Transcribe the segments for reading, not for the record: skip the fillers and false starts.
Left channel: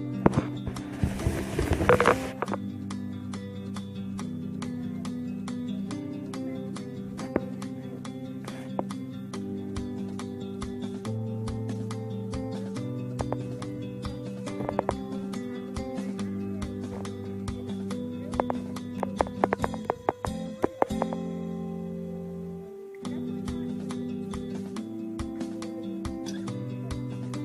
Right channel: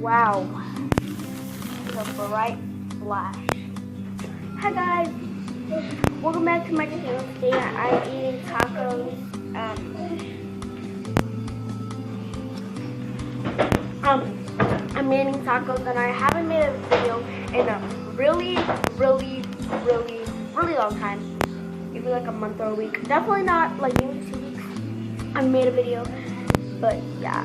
Wow. Bright flash. Hi guys. Welcome back to my channel. Today I'm eating tacos. I'm eating tacos and I haven't made a video in a really long time. Maybe like a month or a week. Definitely not like maybe 2 weeks. I made a video. But yeah,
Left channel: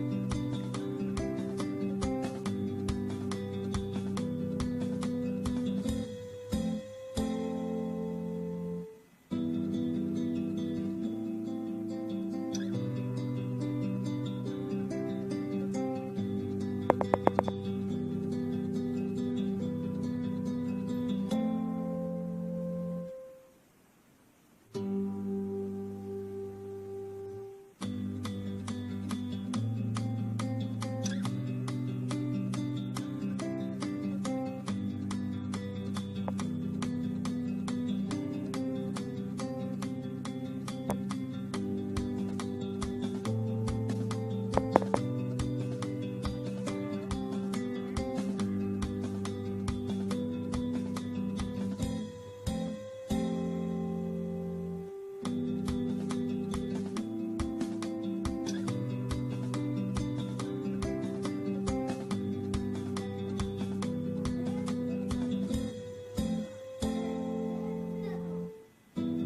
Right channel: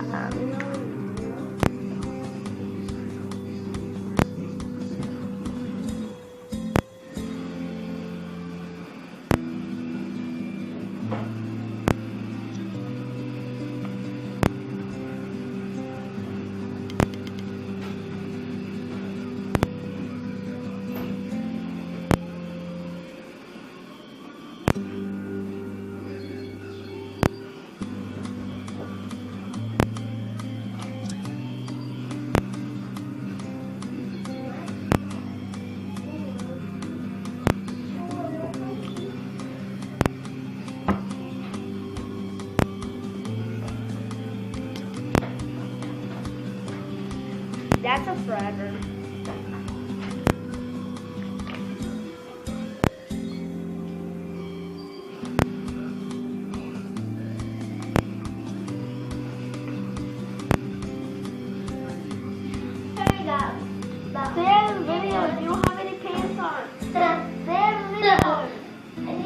that's a forever.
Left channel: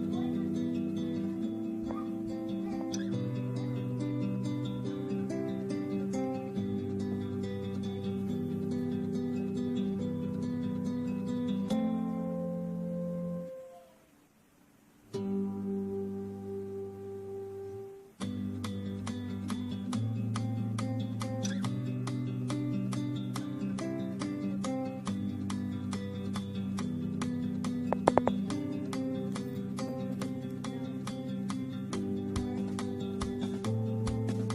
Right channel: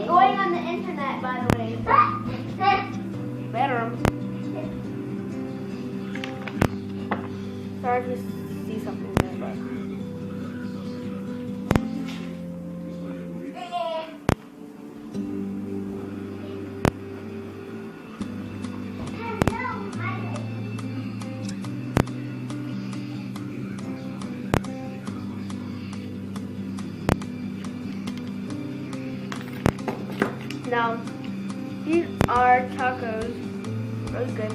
Going on the internet, by the way. Better. Sorry to see something there, Now, these are tacos. Really good.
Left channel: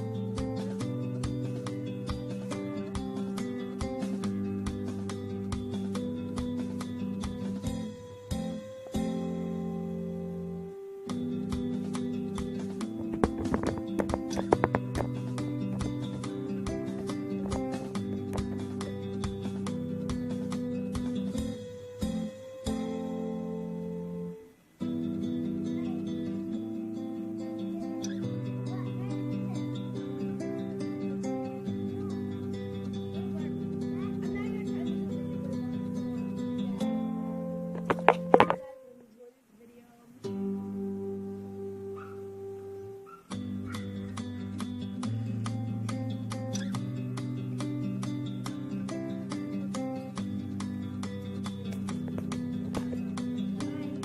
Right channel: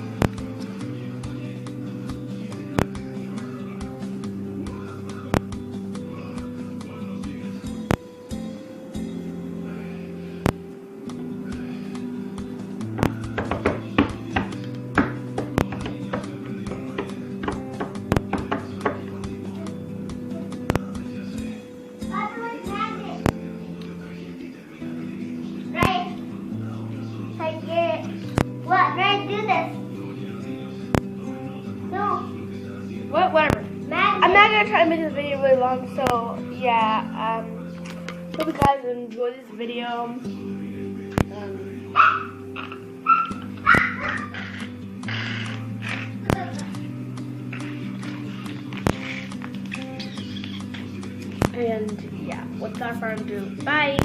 What? Ray, do this. No. Whatever. Magic. I'm not gonna try to make this video really long, so yeah. Hope you guys enjoy this video. And yeah, without further ado, bye.